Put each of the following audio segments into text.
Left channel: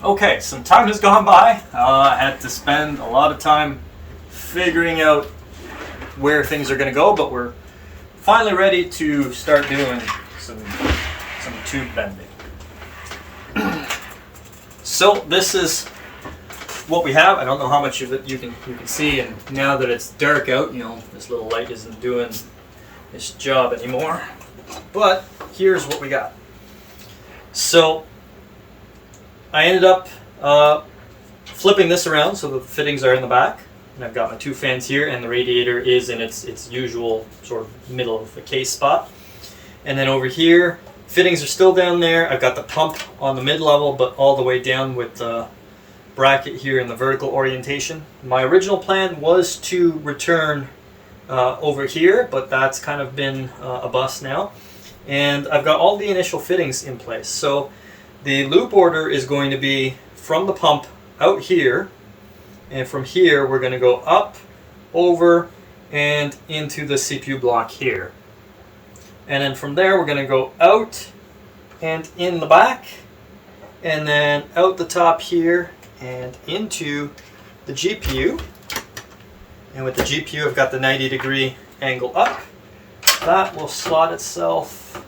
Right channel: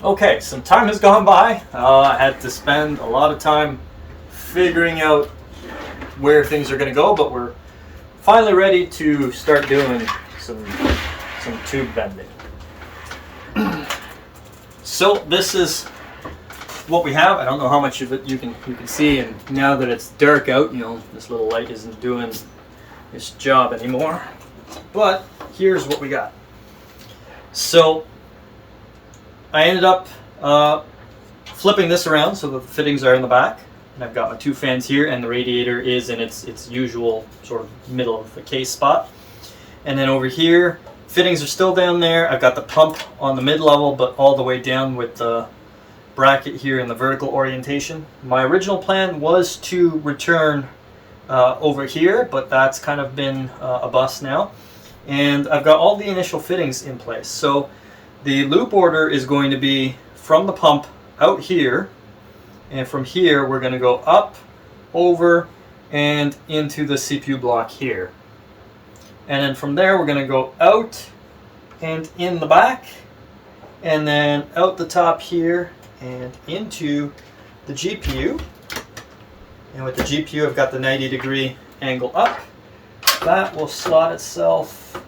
Okay, some time has gone by. I had to spend a lot of time figuring out where things are going to go, but we're finally ready to start doing some tube bending. So this is what we have. I don't know how much of it you can see, and now that it's dark out, you know, this little light isn't doing its job anymore. But here's what we got. So I ended up flipping this around so the fittings are in the back, and I've got my two fans here, and the radiator is in its usual sort of middle of the case spot. And then over here, fittings are still down there. I've got the pump on the mid-level, but all the way down with the bracket here in the vertical orientation. My original plan was to return over here, but that's kind of been a bust now. And I've got all the initial fittings in place. So the loop order is going to be from the pump out here, and from here we're going to go up, over, and into the CPU block here. And then from there we're going to go out and in the back, and then out the top here and into the GPU. And with the GPU I've got the 90-degree angle up. That will slot itself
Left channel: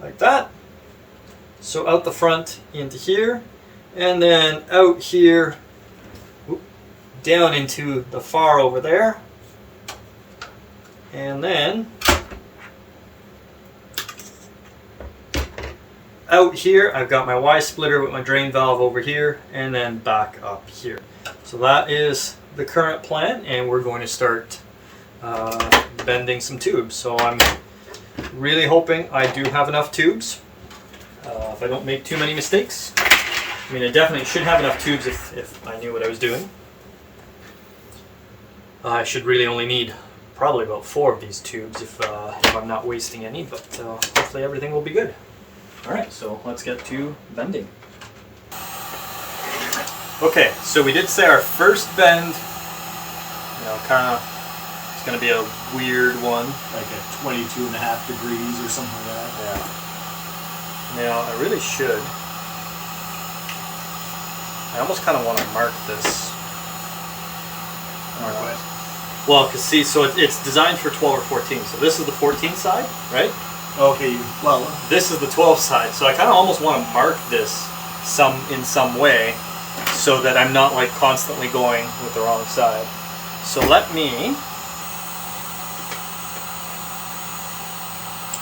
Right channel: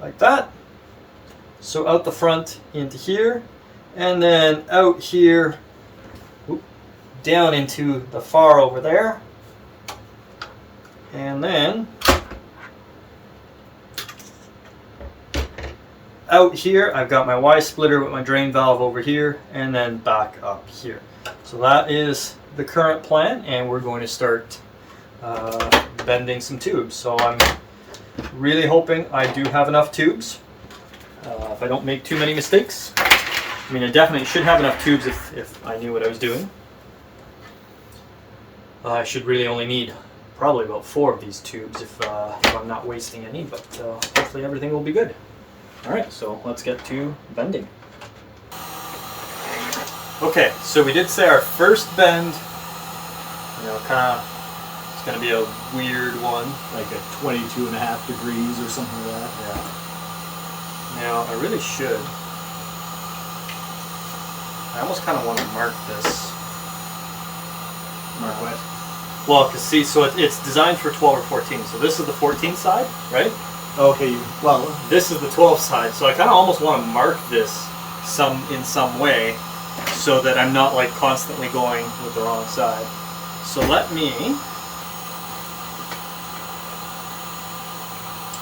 like that. So out the front into here, and then out here, down into the far over there, and then out here I've got my Y splitter with my drain valve over here, and then back up here. So that is the current plan, and we're going to start bending some tubes. So I'm really hoping I do have enough tubes. If I don't make too many mistakes. I mean, I definitely should have enough tubes if I knew what I was doing. I should really only need probably about 4 of these tubes if I'm not wasting any, but hopefully everything will be good. Alright, so let's get to bending. Okay, so we did say our first bend, you know, kind of, it's going to be a weird one. Like at 22.5 degrees or something like that. Yeah. Now, I really should. I almost kind of want to mark this. Mark what? Well, because see, so it's designed for 12 or 14. So this is the 14 side, right? Okay, well, This is the 12 side. So I kind of almost want to mark this in some way so that I'm not like constantly going with the wrong side. So let me...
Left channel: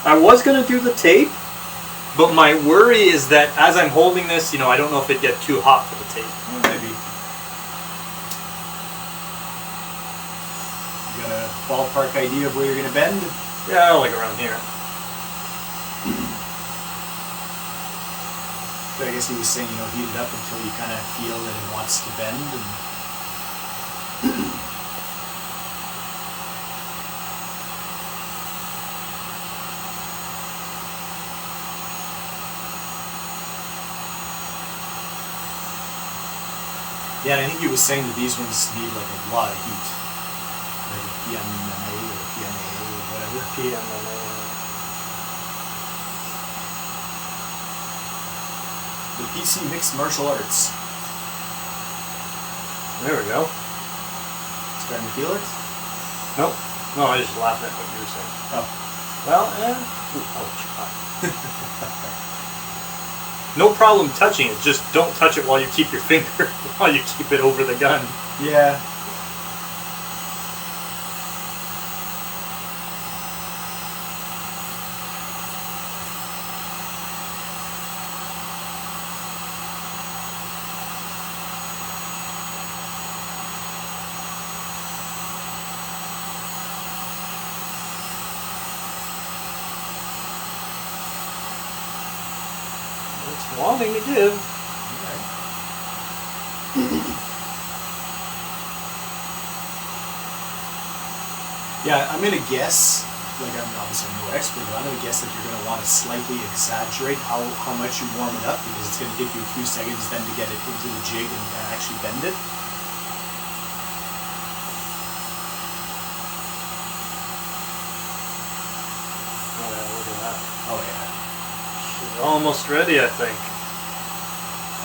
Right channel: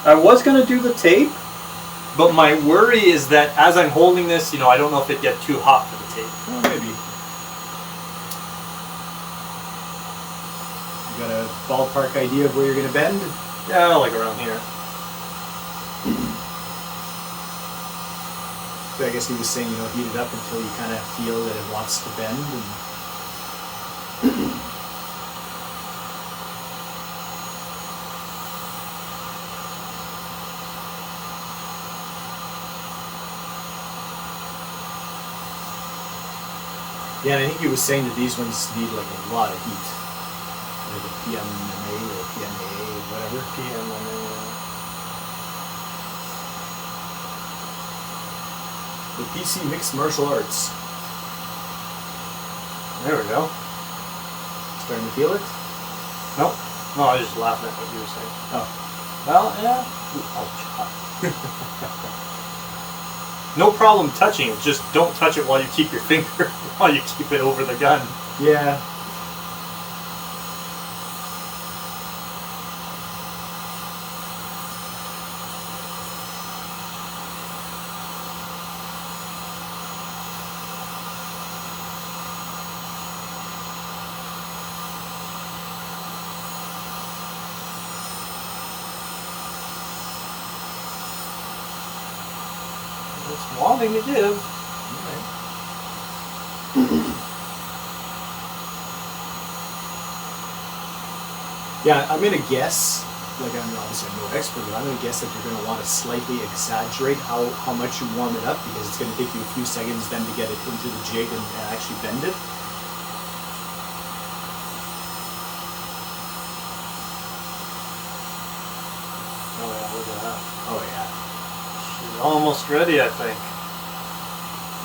I was going to do the tape, but my worry is that as I'm holding this, you know, I don't know if it'd get too hot for the tape. well, maybe. You got a ballpark idea of where you're going to bend? Yeah, like around here. So I guess he was saying, you know, heat it up until you kind of feel that it wants to bend. And yeah, and I think he was saying that these ones need like a lot of heat. Like a PMMA or PMA or whatever. PMMA. The PC Mixed Martial Arts. There we go. Starting to feel it? Nope. No, I was just laughing at what you were saying. Oh. Well, yeah. Ouch. No problem touching it. Just don't touch it while you keep your finger, while you keep it over the gun. Yeah. It's wanting to give. Yeah, I'm gonna guess, like I'm obviously no expert, but I'm gonna guess that you're gonna want to slightly exaggerate how much you warm it up, because it's gonna take you a few seconds then to get it into the jig and actually bend it. Oh yeah, look at that. Oh yeah. It's almost ready, I think.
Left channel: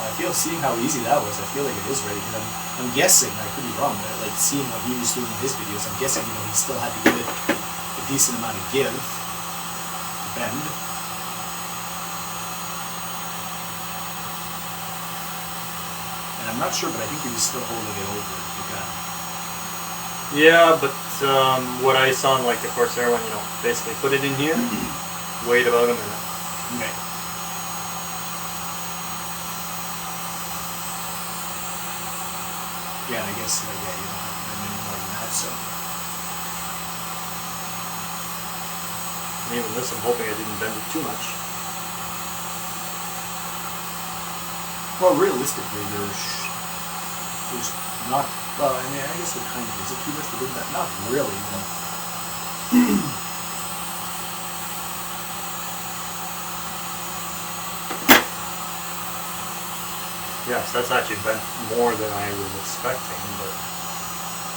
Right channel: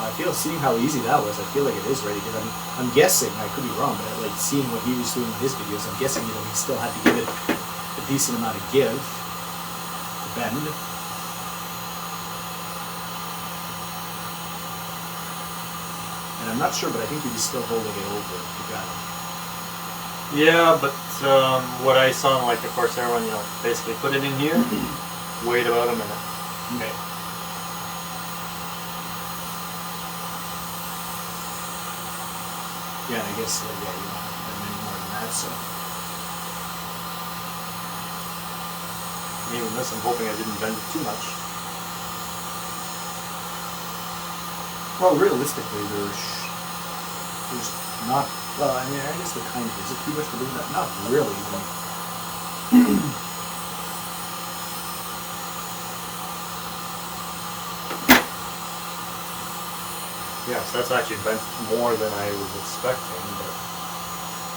I feel, seeing how easy that was, I feel like it is ready, because I'm guessing, I could be wrong, but like seeing what he was doing in his videos, I'm guessing, you know, he still had to give it a decent amount of give to bend. And I'm not sure, but I think he was still holding it over the gun. Yeah, but what I saw in like the Corsair one, you know, basically put it in here, wait about a minute. Okay. Yeah, and I guess, like, yeah, you don't have to bend any more than that, so. And even this, I'm hoping I didn't bend it too much. Well, realistically, there's not, well, I mean, I guess there kind of is a too much, but there's not really. Yes, that's actually bent more than I was expecting, but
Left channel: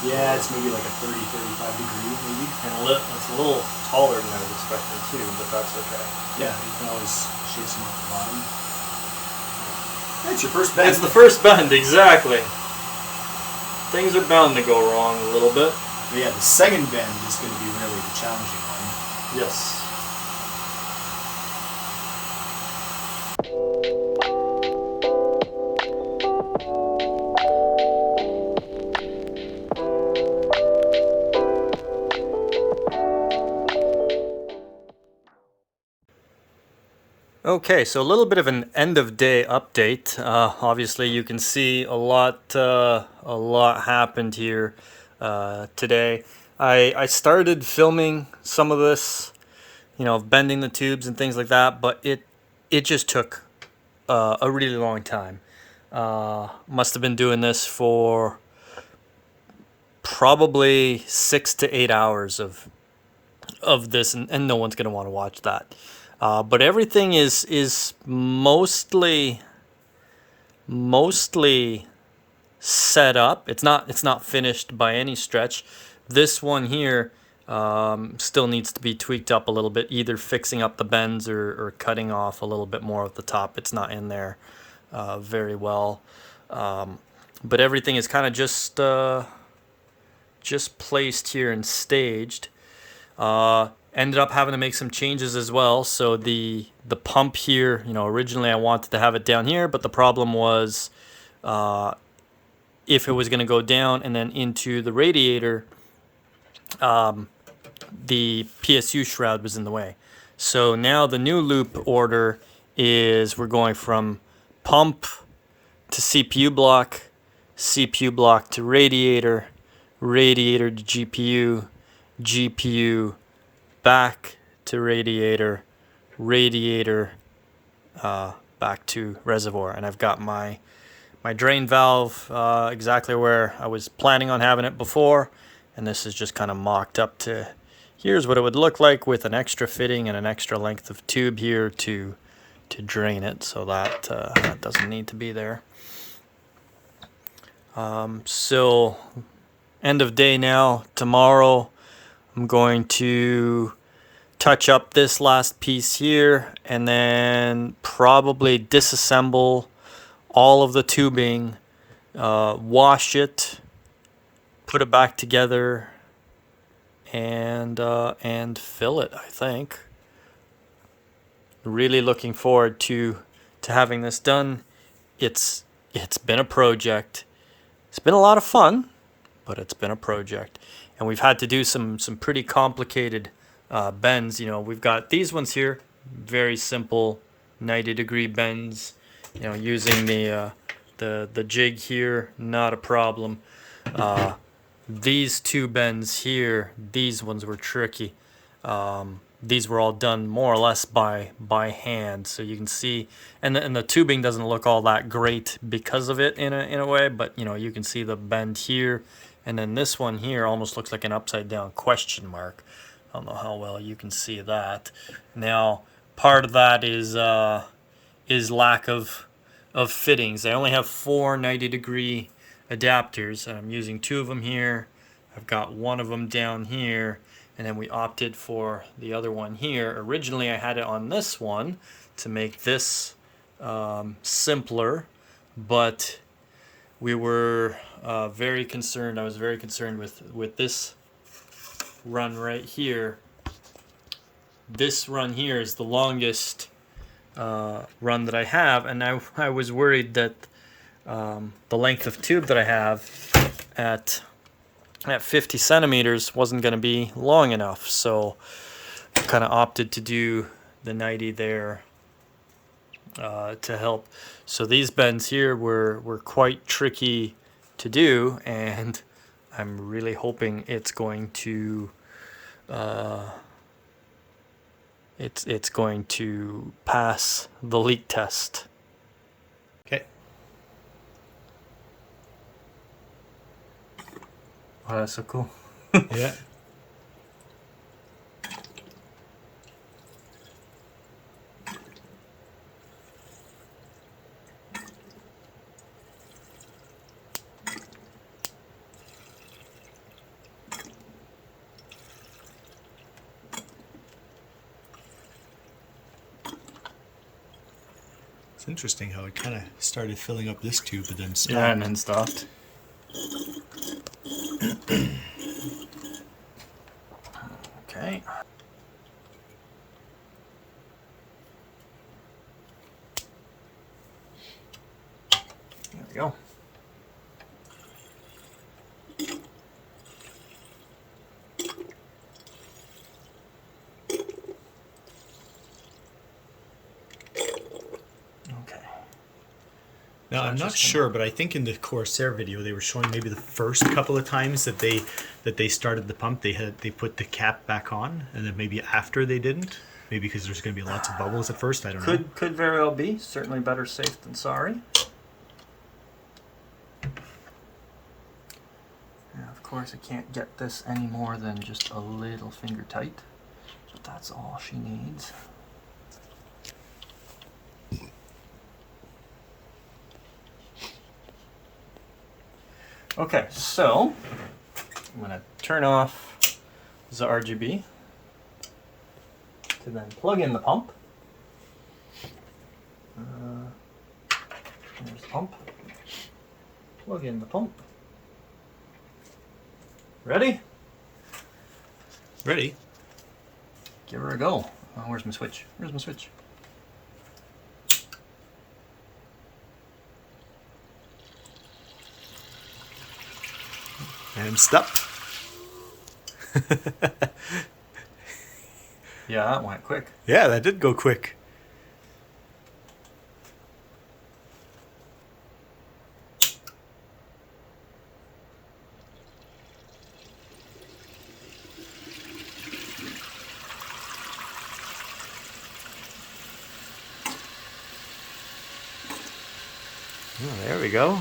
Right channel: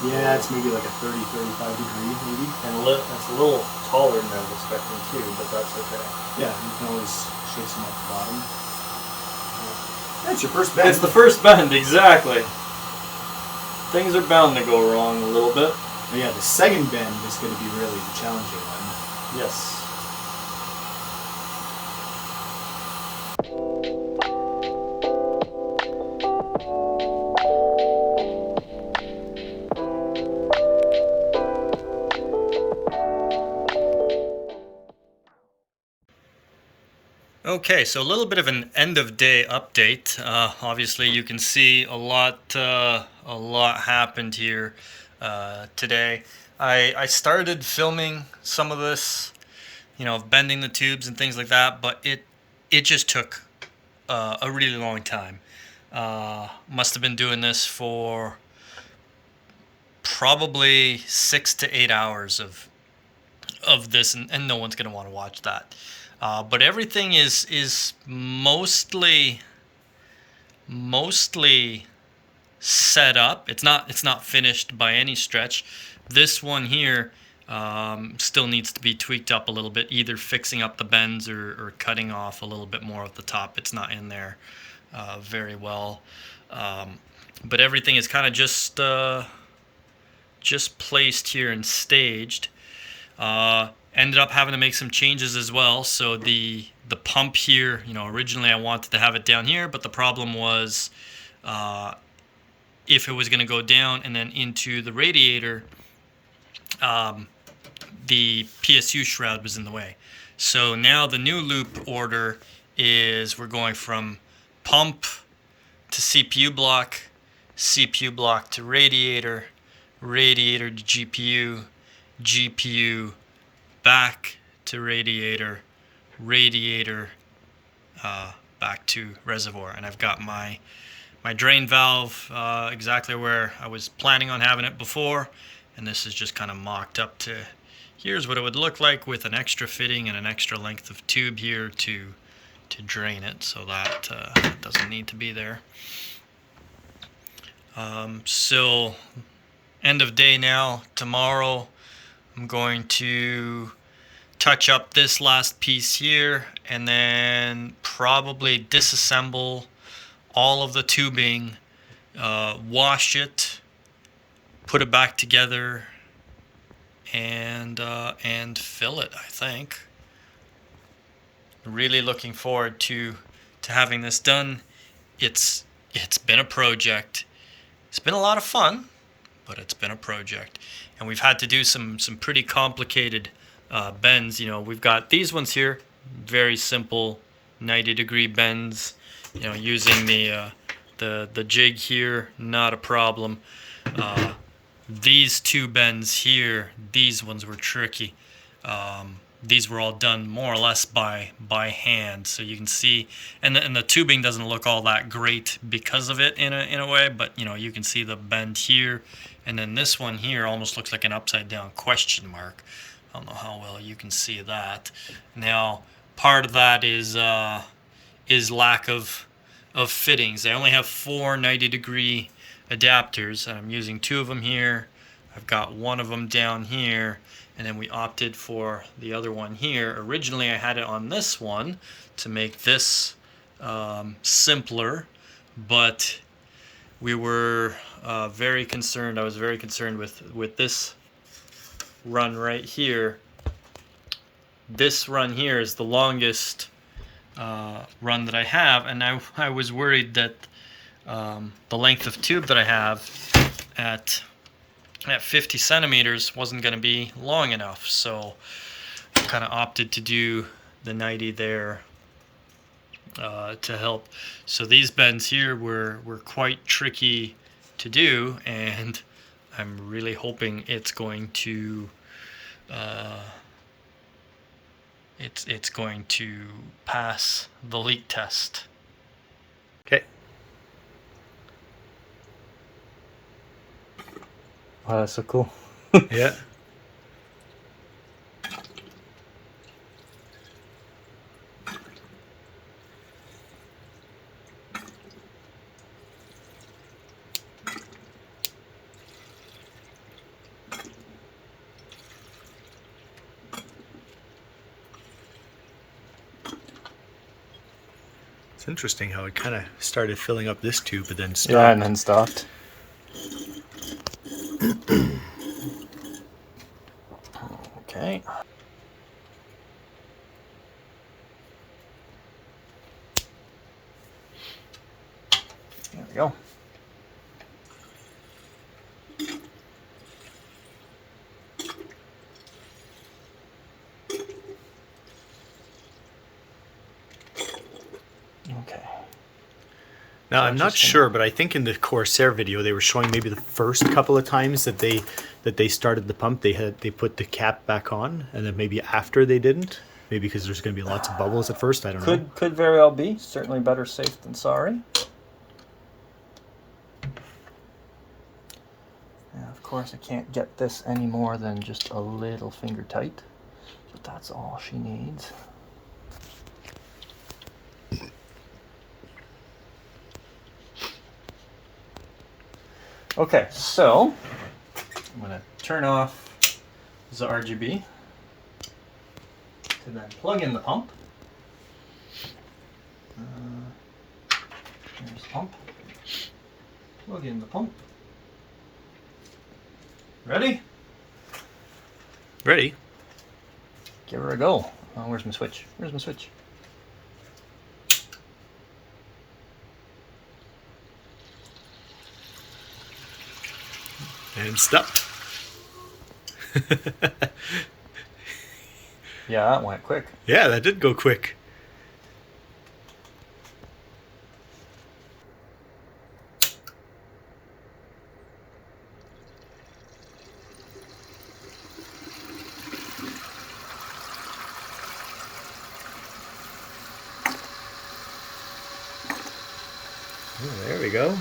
Yeah, it's maybe like a 30, 35 degree, maybe. and it's a little taller than I was expecting too, but that's okay. Yeah, you can always shave some off the bottom. That's your first bend. It's the first bend, exactly. Things are bound to go wrong a little bit. But yeah, the second bend is going to be really the challenging one. Yes. Okay, so a little bit of an end of day update. Obviously, you can see a lot happened here today. I started filming some of this, you know, bending the tubes and things like that, but it just took a really long time. Must have been doing this for probably 6 to 8 hours of this, and no one's gonna want to watch that. But everything is mostly set up. It's not finished by any stretch. This one here still needs to be tweaked up a little bit, either fixing up the bends or cutting off a little bit more of the top. It's not in there very well. But everything is kind of just placed here and staged. Ended up having to make some changes as well. So the pump here, you know, originally I wanted to have it down here, but the problem was if it was going to go down and then into the radiator, the PSU shroud was in the way. So now the new loop order is we're going from pump to CPU block to radiator, radiator to GPU, GPU back to radiator, radiator back to reservoir. And I've got my drain valve exactly where I was planning on having it before, and this is just kind of mocked up to here's what it would look like with an extra fitting and an extra length of tube here to drain it, so that that doesn't need to be there. So end of day now. Tomorrow I'm going to touch up this last piece here and then probably disassemble all of the tubing, wash it, put it back together, and fill it, I think. Really looking forward to having this done. It's been a project. It's been a lot of fun, but it's been a project. And we've had to do some pretty complicated bends. You know, we've got these ones here, very simple 90-degree bends. You know, using the jig here, not a problem. These two bends here, these ones were tricky. These were all done more or less by hand, so you can see, and the tubing doesn't look all that great because of it in a way, but you know, you can see the bend here, and then this one here almost looks like an upside down question mark. I don't know how well you can see that. Now, part of that is lack of fittings. I only have 4 90-degree adapters, and I'm using 2 of them here. I've got 1 of them down here, and then we opted for the other one here. Originally I had it on this one to make this simpler, but we were very concerned. I was very concerned with this run right here. This run here is the longest run that I have, and I was worried that the length of tube that I have at 50 centimeters wasn't going to be long enough, so I kind of opted to do the 90 there to help. So these bends here were quite tricky to do, and I'm really hoping it's going to it's going to pass the leak test. Okay. Wow, that's so cool. Yeah. It's interesting how it kind of started filling up this tube, but then stopped. Yeah, and then stopped. Okay. There we go. Now, I'm not sure, but I think in the Corsair video they were showing maybe the first couple of times that they started the pump, they put the cap back on, and then maybe after they didn't. Maybe because there's going to be lots of bubbles at first. I don't know. Could very well be. Certainly better safe than sorry. And of course, I can't get this any more than just a little finger tight, but that's all she needs. Okay, so I'm going to turn off the RGB to then plug in the pump. Here's the pump. Plug in the pump. Ready? Ready? Give her a go. Oh, where's my switch? Where's my switch? And stop. Yeah, that went quick. Yeah, that did go quick. Oh, there we go.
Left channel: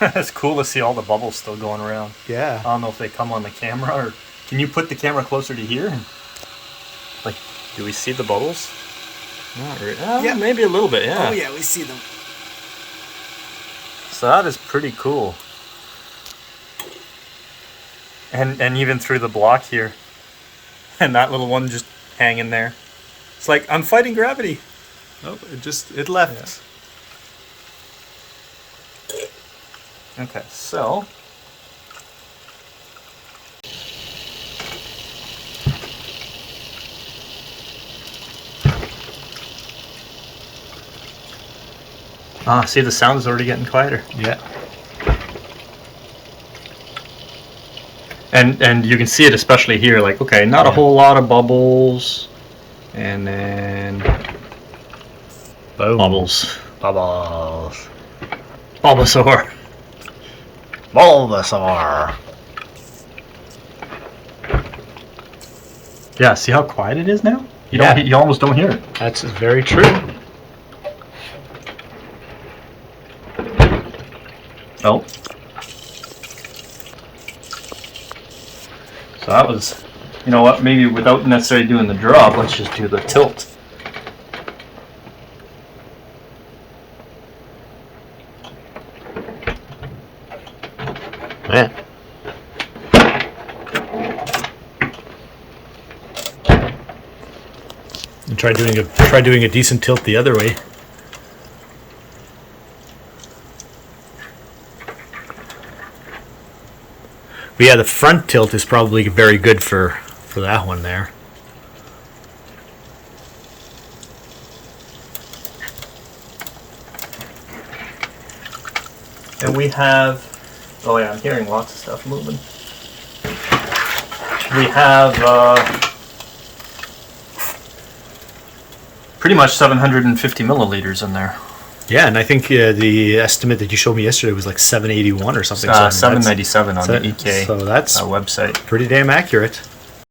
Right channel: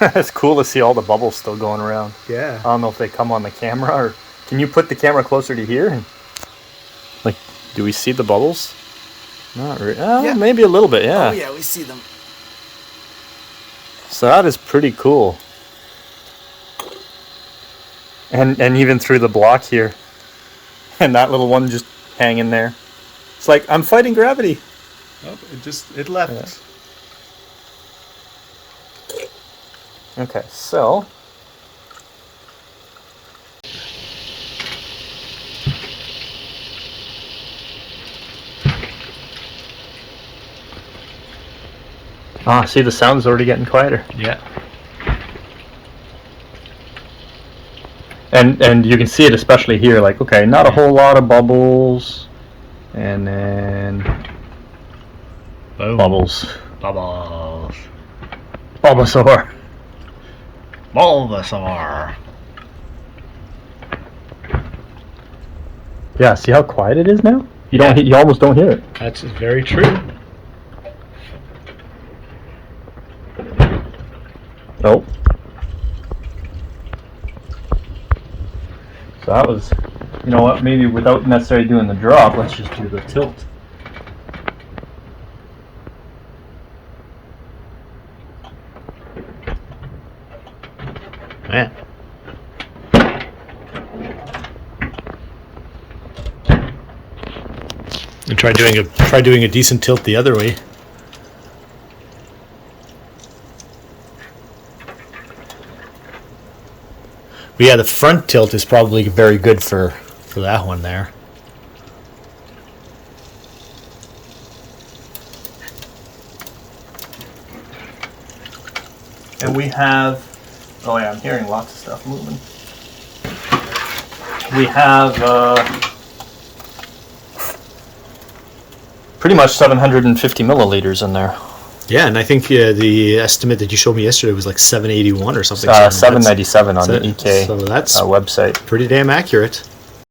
It's cool to see all the bubbles still going around. Yeah. I don't know if they come on the camera, or can you put the camera closer to here? Like, do we see the bubbles? Not really. Yeah. Maybe a little bit, yeah. Oh yeah, we see them. So that is pretty cool. And even through the block here. And that little one just hanging there. It's like, I'm fighting gravity. Oh, it left. Yeah. Okay, so see, the sound's already getting quieter. Yeah. And you can see it especially here, like, okay, not a whole lot of bubbles, and then Boom. bubbles. Bubbles. Bulbasaur. Bulbasaur. Yeah, see how quiet it is now? You almost don't hear it. That's very true. Oh. So that was, you know what, maybe without necessarily doing the drop, let's just do the tilt. Yeah. And try doing a decent tilt the other way. But yeah, the front tilt is probably very good for that one there. And we have, oh yeah, I'm hearing lots of stuff moving. We have pretty much 750 milliliters in there. Yeah, and I think the estimate that you showed me yesterday was like 781 or something. 797 on the EK so that's website. pretty damn accurate.